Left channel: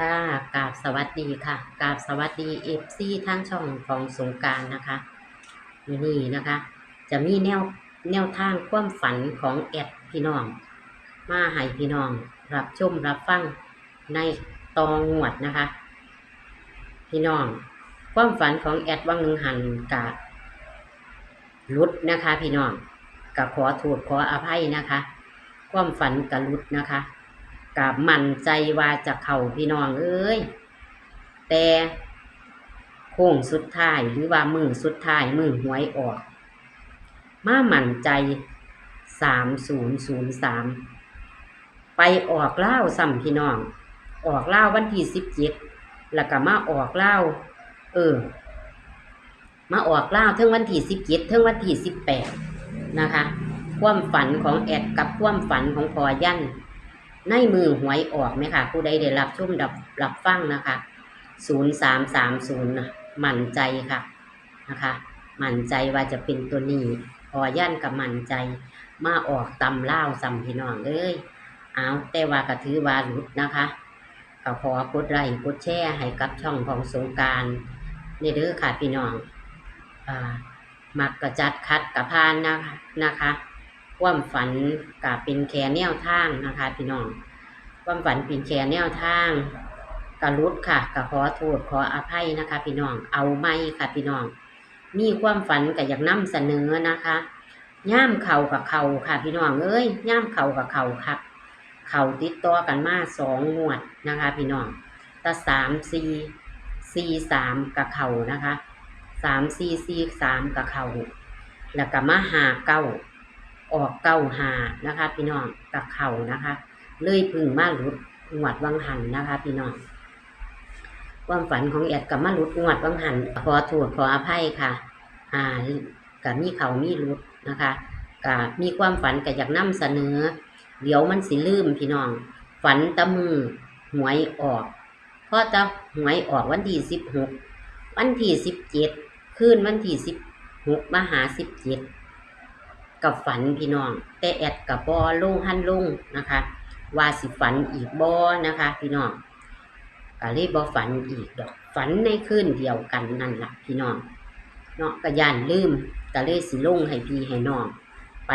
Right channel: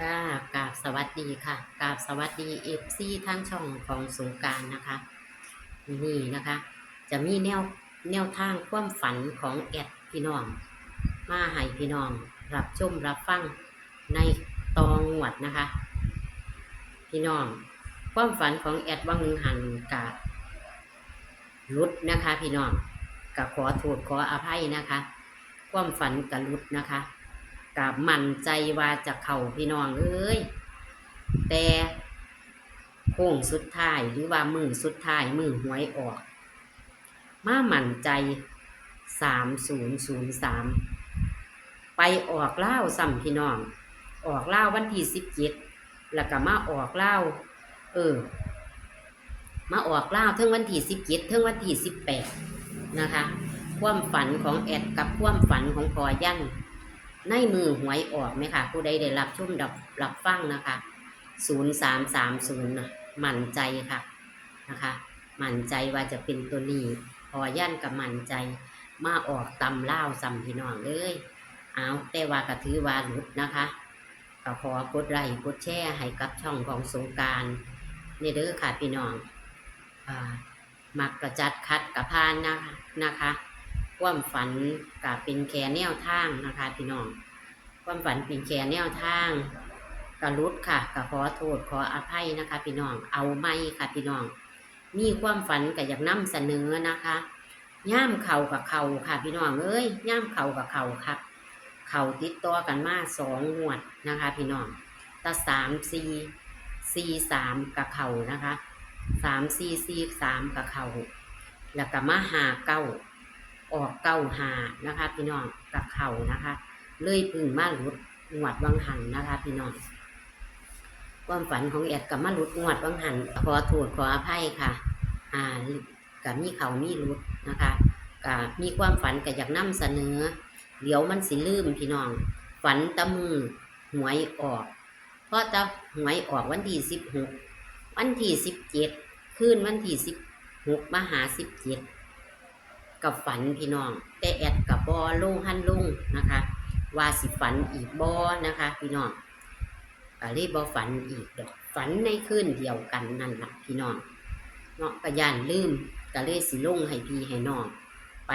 ค่ะกราบสวัสดีค่ะกราบสวัสดีFCทางช่องของสงกรานต์นะคะมื้อนี้นะคะจะมีแนวทางความฝันของแอดพี่น้องมาให้พี่น้องรับชมรับฟังในตองงวดนะคะพี่น้องความฝันของแอดวังหนึ่งหันกะรุดนะคะพี่น้องกะขอโทษขออภัยนะคะความฝันกะรุดนะคะกะมั่นใจว่าจะเข้าพี่น้องเอ้ยแต่โค้งสุดท้ายหรือว่ามือสุดท้ายมือหวยออกมามั่นใจ3003ไปออกเล่าซ้ำพี่น้องออกเล่าวันที่17แล้วก็มาออกเล่าเออมาออกเล่าทั้งวันที่17ทั้งวันที่18นะคะความฝันของแอดกับความฝันของพอยันในมือหวยออกไหมค่ะผู้ใดได้รับชมรับฟังนะคะ0330นะมั่นใจค่ะนะคะมั่นใจว่าจะเป็นตัวนี้พอยันกับมั่นใจมาออกตำเล่าซ้ำพี่น้องเลยเอาแต่ว่าก็ถือว่าหลุดนะคะก็ขอกดไลค์กดแชร์ให้กับช่องของสงกรานต์นี่เด้อค่ะพี่น้องมักกระจัดคัดกระพานนะคะความฝันกับเป็นแค่แนวทางนะคะพี่น้องความฝันเป็นแค่แนวทางกระลุดค่ะกระขอโทษขออภัยนะคะพี่น้องเอาไม่ค่ะพี่น้องมีความฝันกับอยากนำเสนอนะคะย่ามเข่ากับเข่าค่ะพี่น้องเอ้ยย่ามเข่ากับเข่าค่ะเข่าติดต่อกันมา2 งวดนะคะพี่น้องแต่3-4-4-3กับเข่านะคะ3-4-4-3กับเข่าแล้วก็มา5-9ออก9-5นะคะพี่น้องกับเข่านะคะเลยพึ่งมาหลุดงวดวังหันนะคะพี่น้องความฝันของแอดกับมาหลุดงวดวังหันขอโทษขออภัยค่ะกับมีเขามีหลุดนะคะกับมีความฝันกับอยากนำเสนอเดี๋ยวมันสิลืมพี่น้องฝันตะมือหวยออกพอตะหวยออกวันที่16วันที่17คืนวันที่16มาหา17กับฝันพี่น้องแต่แอดกับบอลงหันลงนะคะว่าสิฝันอีกบอนะคะพี่น้องก็เลยบอฝันอีกดอกฝันในคืนเดียวกันนั่นแหละพี่น้องเนาะก็ย่านลืมก็เลยสิลงให้พี่ให้น้องไป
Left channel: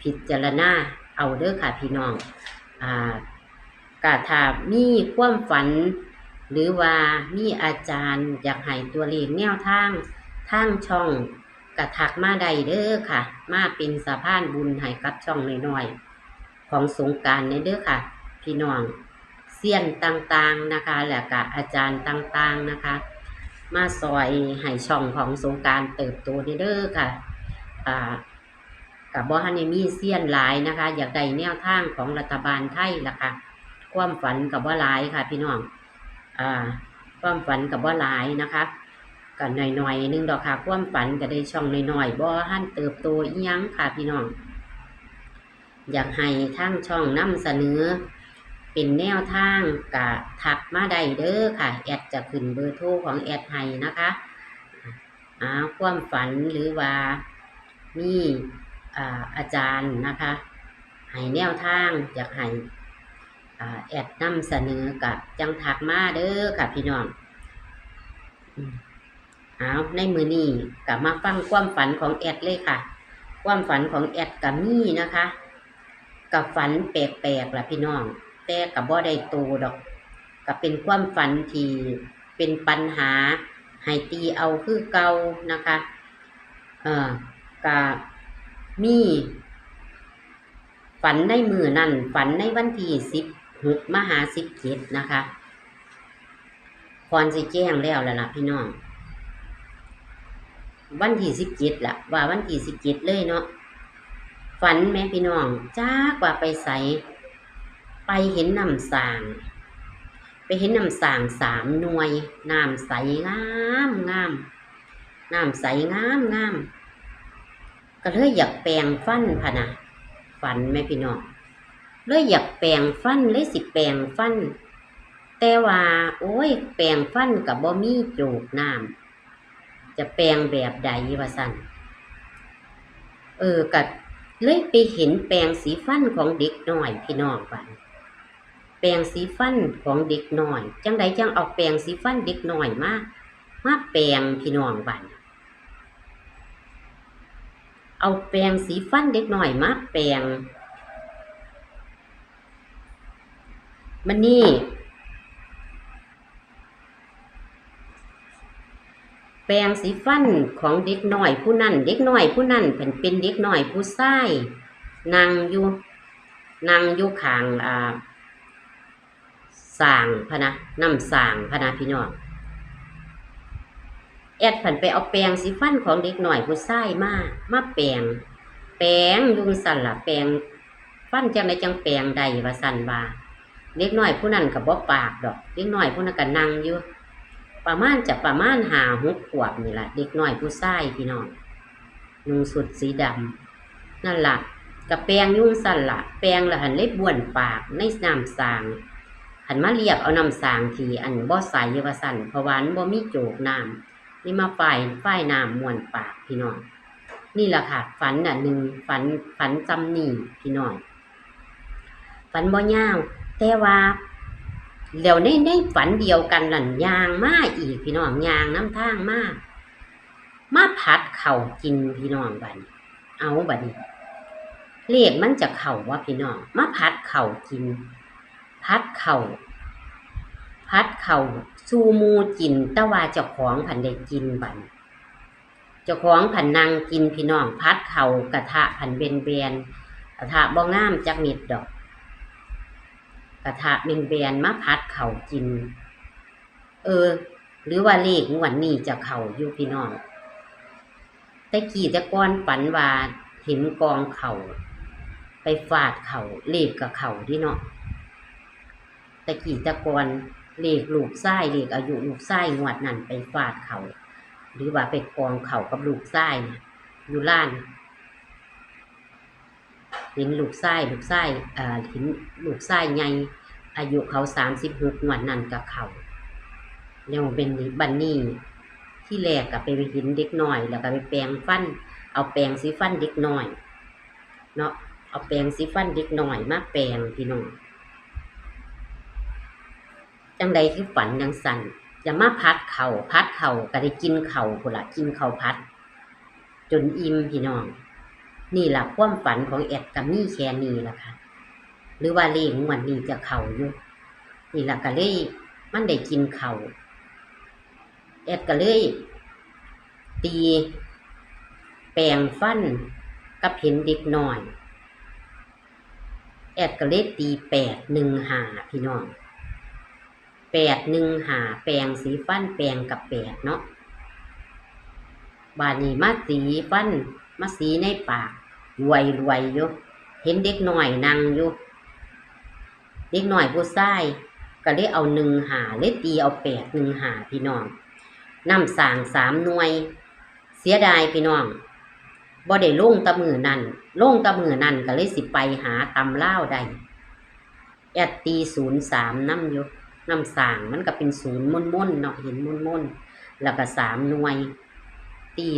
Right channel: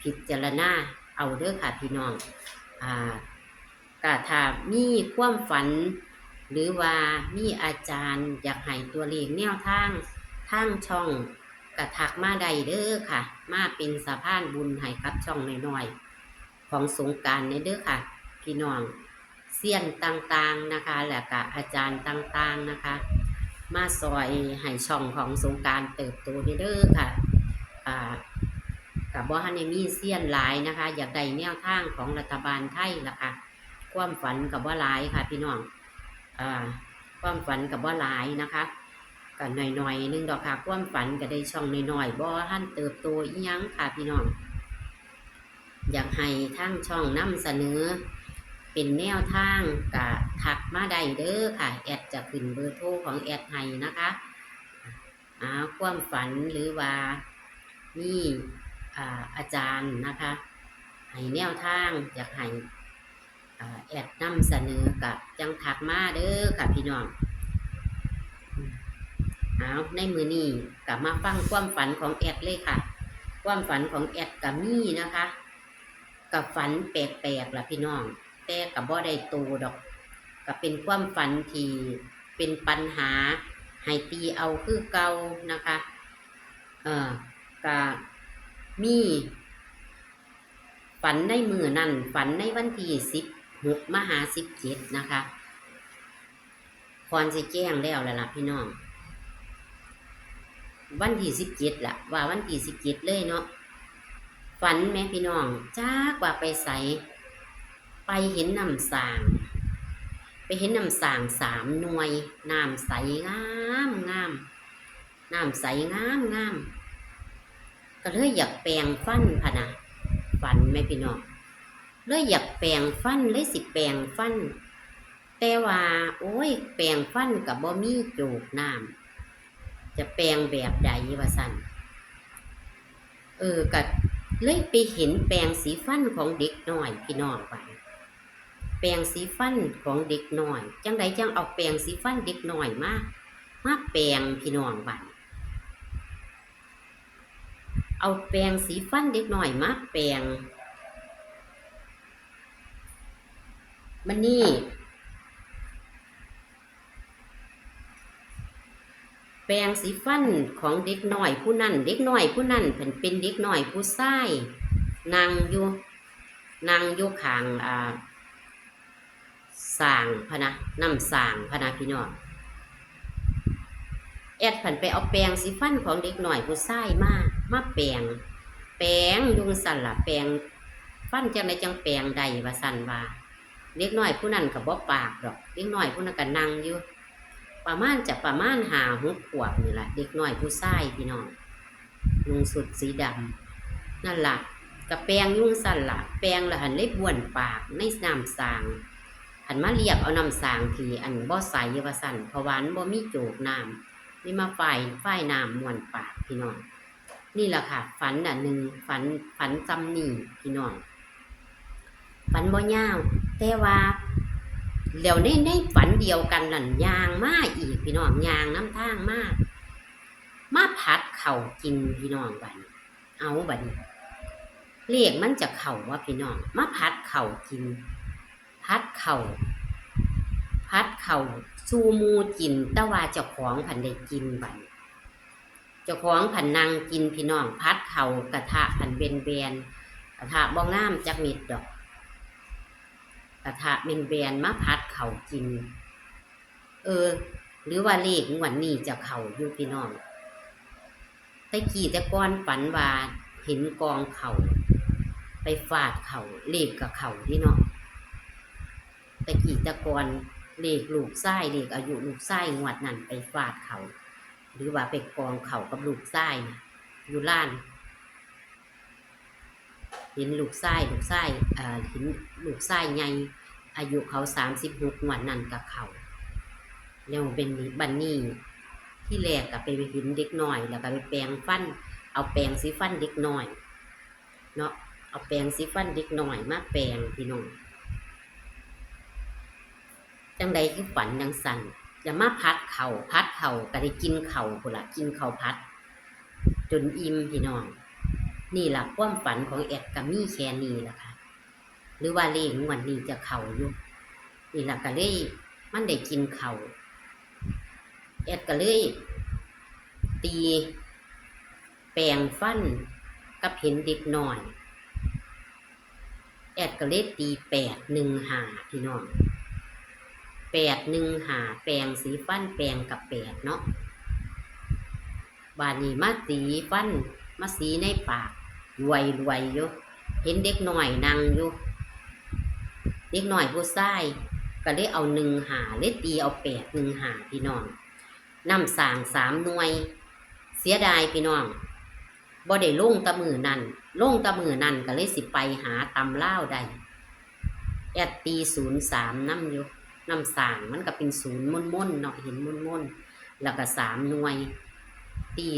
พิจารณาเอาเด้อค่ะพี่น้องก็ถ้ามีความฝันหรือว่ามีอาจารย์อยากให้ตัวเลขแนวทางช่องกระทักมาได้เด้อค่ะมาเป็นสะพานบุญให้กับช่องน้อยๆของสงกรานต์เด้อค่ะพี่น้องเซียนต่างๆนะคะแล้วก็อาจารย์ต่างๆนะคะมาซอยให้ช่องของสงกรานต์เติบโตเด้อค่ะกับบ่ฮันมีเซียนหลายนะคะอยากได้แนวทางของรัฐบาลไทยล่ะค่ะความฝันกับว่าหลายค่ะพี่น้องความฝันกับว่าหลายนะคะกันหน่อยๆนึงดอกค่ะความฝันก็ได้ช่องหน่อยๆบ่ฮันเติบโตอีหยังค่ะพี่น้องอยากให้ทางช่องนำเสนอเป็นแนวทางกะทักมาได้เด้อค่ะแอดจะขึ้นเบอร์โทรของแอดให้นะคะความฝันหรือว่ามีอาจารย์นะคะให้แนวทางอยากให้แอดนำเสนอกับจังทักมาเด้อค่ะพี่น้องในมือนี้กลับมาฟังความฝันของแอดเลยค่ะความฝันของแอดกับมี่นะคะกับฝันแปลกๆล่ะพี่น้องแต่กับบ่ได้โตดอกกับเป็นความฝันที่เป็นปัญหาให้ตีเอาคือเก่านะคะกับมีฝันในมือนั่นฝันในวันที่16มหา17นะคะพรสิแจ้งแล้วล่ะพี่น้องวันที่17ล่ะว่าวันที่17เลยเนาะฝันแม่พี่น้องจ้ากว่าไปใสไปเห็นน้ำสางไปเห็นน้ำสาง3 หน่วยน้ำใสงามน้ำใสงามก็เลยอยากแปรงฟันพะนะฝันแม่พี่น้องเลยอยากแปรงฟันเลยสิแปรงฟันแต่ว่าโอ้ยแปรงฟันกับบ่มีโจกน้ำจะแปรงแบบใดวะสั่นก็เลยไปเห็นแปรงสีฟันของเด็กน้อยพี่น้องไป แปรงสีฟันของเด็กน้อยจังใดจังเอาแปรงสีฟันเด็กน้อยมาแปรงพี่น้องบัดเอาแปรงสีฟันเด็กน้อยมาแปรงมันนี่แปรงสีฟันของเด็กน้อยผู้นั้นเด็กน้อยผู้นั้นเป็นเด็กน้อยผู้ชายนั่งอยู่ข้างสร้างพะนะน้ำสร้างพะนะพี่น้องแอดผันไปเอาแปรงสีฟันของเด็กหน่อยผู้ชายมาแปรงยุงสั่นล่ะแปรงฟันจังไดจังแปรงใดว่าสั่นว่าเด็กน้อยผู้นั้นก็บ่ปากดอกเด็กน้อยผู้นั้นก็นั่งอยู่ประมาณ5-6 ขวบนี่ล่ะเด็กน้อยผู้ชายพี่น้องนุ่งสุดสีดำนั่นล่ะก็แปรงยุงสั่นล่ะแปรงแล้วหันเลยบ้วนปากในน้ำสร้างหันมาเรียกเอาน้ำสร้างที่อันบ่ใสว่าสั่นเพราะว่ามันบ่มีโจกน้ำนี่มาฝ่ายน้ำม่วนปากพี่น้องนี่แหละค่ะฝันหนึ่งฝันจำนี่พี่น้องฝันบ่ยาวแต่ว่าเดี๋ยวในฝันเดียวกันนั่นยางมาอีกพี่น้องยางน้ำทางมาผัดเข่ากินพี่น้องบัดนี้เอาบัดนี้เลขมันจะเข่าว่าพี่น้องมาผัดเข่ากินผัดเข่าซูมูกินแต่ว่าเจ้าของผันได้กินบัดเจ้าของผันนั่งกินพี่น้องผัดเข่ากระทะผันเบนกระทะบ่งามจักนิดดอกกระทะเบนมาผัดเข่ากินหรือว่าเลขงวดนี้จะเข่าอยู่พี่น้องแต่กี้แต่ก่อนฝันว่าเห็นกองเข่าไปฟาดเข่าเลขกับเข่าที่เนาะแต่กี้แต่ก่อนเลขลูกไส้เลขอายุลูกไส้งวดนั้นไปฟาดเขาหรือว่าไปกองเขากับลูกไส้อยู่ล้านเห็นลูกไส้เห็นลูกไส้ไงอายุเขา36งวดนั้นกับเขาเนี่ยเป็นบันนี่ที่แรกกับไปเห็นเด็กน้อยแล้วก็ไปแปรงฟันเอาแปรงสีฟันเด็กน้อยเนาะเอาแปรงสีฟันเด็กน้อยมาแปรงพี่น้องจังใดคือฝันยังสั่นจะมาพัดเข่าก็ได้กินเข่าพุ่นละกินเข่าพัดจนอิ่มพี่น้องนี่แหละความฝันของแอดกับมี่แค่นี้แหละค่ะหรือว่าเลขงวดนี้จะเข่าอยู่นี่แหละก็เลยมันได้กินเข่าแอดก็เลยตีแปรงฟันกับเห็นเด็กน้อยแอดก็เลยตี815พี่น้อง815แปรงสีฟันแปรงกับ8เนาะบาดนี้มาสีฟันมาสีในปากรวยอยู่เห็นเด็กน้อยนั่งอยู่เด็กน้อยผู้ชายก็เลยเอา15เลยตีเอา815พี่น้องน้ำสาง3หน่วยเสียดายพี่น้องบ่ได้ลงตะมือนั่นก็เลยสิไปหาตำเล่าได้แอดตี03น้ำอยู่น้ำสางมันก็เป็น0ม่นเนาะเห็นม่นแล้วก็3หน่วยตี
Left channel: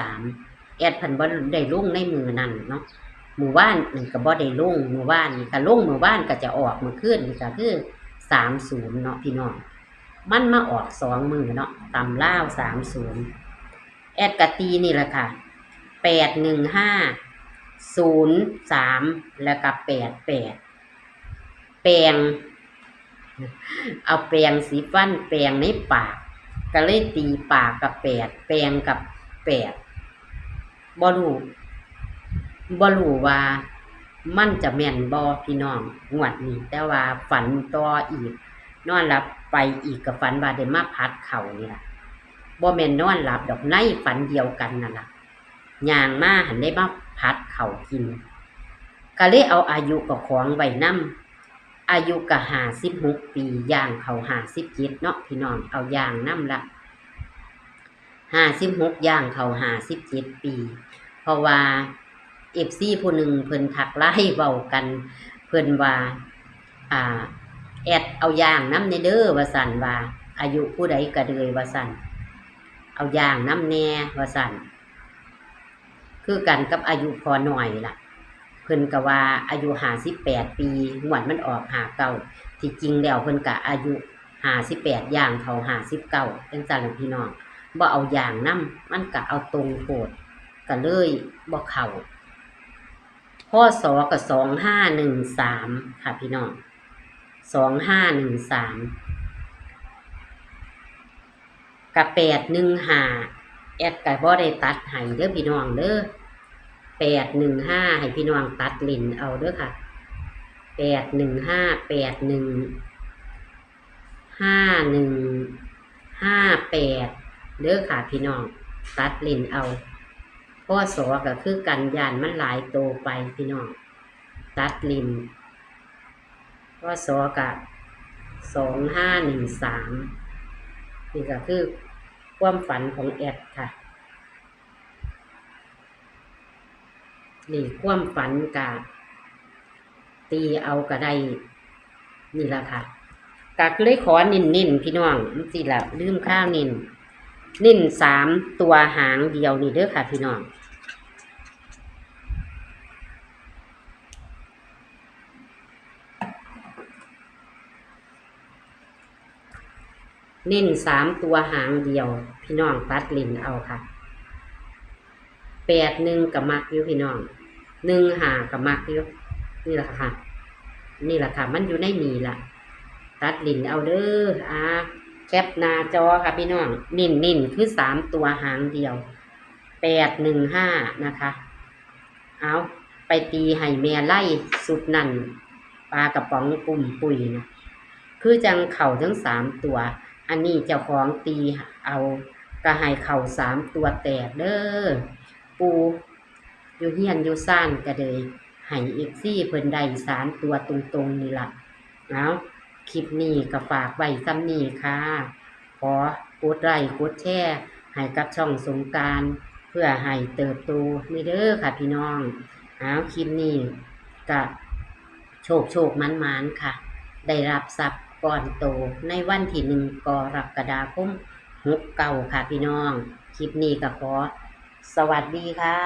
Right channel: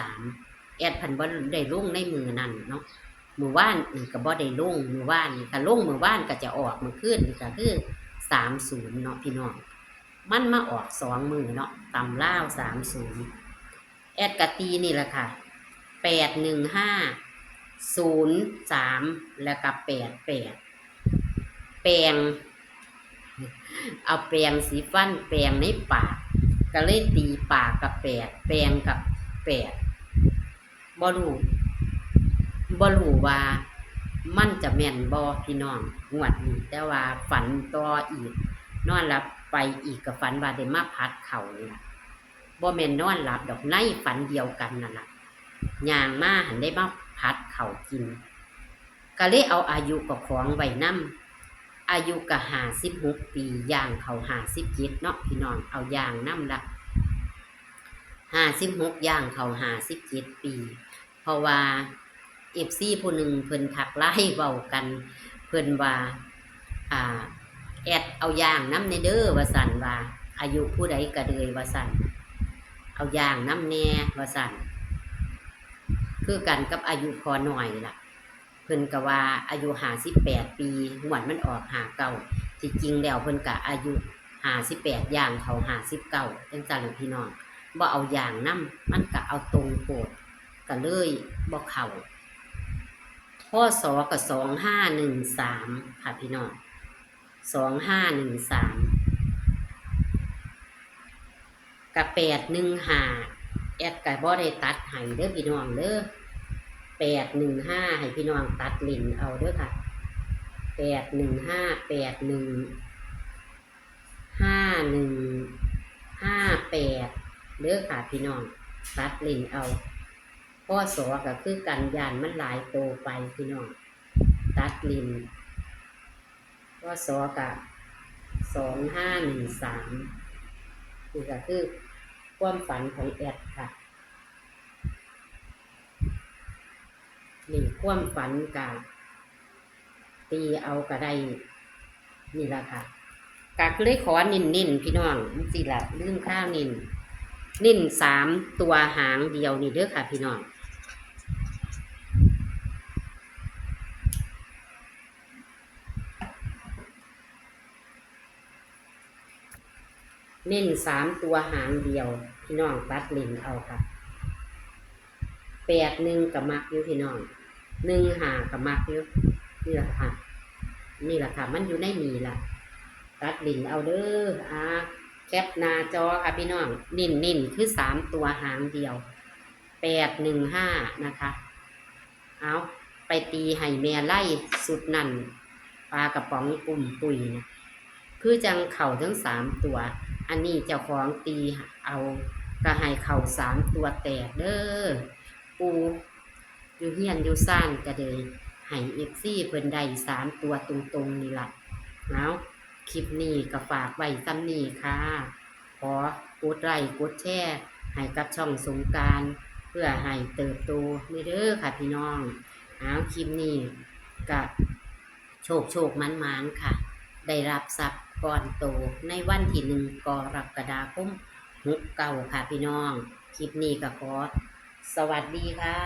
03แอดพันบ่ได้ลงในมือนั่นเนาะมือว่านนี่ก็บ่ได้ลงมือว่านนี่ก็ลงมือว่านก็จะออกมือขึ้นนี่ก็คือ30เนาะพี่น้องมันมาออก2มือเนาะตำล่าว30แอดกะตีนี่แหละค่ะ81503แล้วก็88แปรงเอาแปรงสีฟันแปรงในปากก็เลยตีปากกับ8แปรงกับ8บ่รู้ว่ามันจะแม่นบ่พี่น้องงวดนี้แต่ว่าฝันต่ออีกนอนหลับไปอีกกับฝันว่าได้มาพัดเข่านี่ล่ะบ่แม่นนอนหลับดอกในฝันเดียวกันนั่นล่ะย่างมาหันได้มาพัดเข่ากินก็เลยเอาอายุกับของไว้นำอายุก็56ปีย่างเขา57เนาะพี่น้องเอาย่างนำละ56ย่างเขา57ปีเพราะว่าFC ผู้หนึ่งเพิ่นทักไลน์เว้ากันเพิ่นว่าแอดเอาย่างน้ำในเด้อว่าสั่นว่าอายุผู้ใดก็เดยว่าสั่นเอาย่างน้ำแน่ว่าสั่นคือกันกับอายุพอหน่อยล่ะเพิ่นก็ว่าอายุ58ปีงวดมันออก59 ที่จริงแล้วเพิ่นก็อายุ58ย่างเขา59จังซั่นล่ะพี่น้องบ่เอาอย่างนำมันก็เอาตรงโพดก็เลยบ่เข้าพศก็2513ค่ะพี่น้อง2513กับ815แอดก็บ่ได้ตัดให้เด้อพี่น้องเด้อ815ให้พี่น้องตัดเล่นเอาเด้อค่ะ815 815158เด้อค่ะพี่น้องตัดเล่นเอาพศก็คือกันยานมันหลายโตไปพี่น้องตัดเล่นพศก็2513นี่ก็คือความฝันของแอดค่ะนี่ความฝันกะตีเอาก็ได้นี่ละค่ะกักเลยขอนิ่นพี่น้องสิละลืมข้าวนิ่น3ตัวหางเดียวนี่เด้อค่ะพี่น้องนิ่น3ตัวหางเดียวพี่น้องตัดลิ้นเอาค่ะ81กับมักอยู่พี่น้อง15กับมักอยู่นี่แหละค่ะมันอยู่ในนี่ล่ะตัดลิ้นเอาเด้อแคปหน้าจอค่ะพี่น้องนิ่นคือ3ตัวหางเดียว815นะคะเอาไปตีให้แม่ไล่สุดนั่นปลากระป๋องปุ่มปุ๋ยนะคือจังเข่าทั้ง3ตัวอันนี้เจ้าของตีเอาก็ให้เข่า3ตัวแตกเด้อปูอยู่เฮียนอยู่ซ่านก็เลยให้FCเพิ่นได้3ตัวตรงๆนี่ล่ะเอาคลิปนี้ก็ฝากไว้ซ้ำนี้ค่ะขอกดไลค์กดแชร์ให้กับช่องสงกรานต์เพื่อให้เติบโตนี่เด้อค่ะพี่น้องเอาคลิปนี้ก็โชคมันค่ะได้รับทรัพย์ก่อนโตในวันที่1กรกฎาคม69ค่ะพี่น้องคลิปนี้ก็ขอสวัสดีค่ะ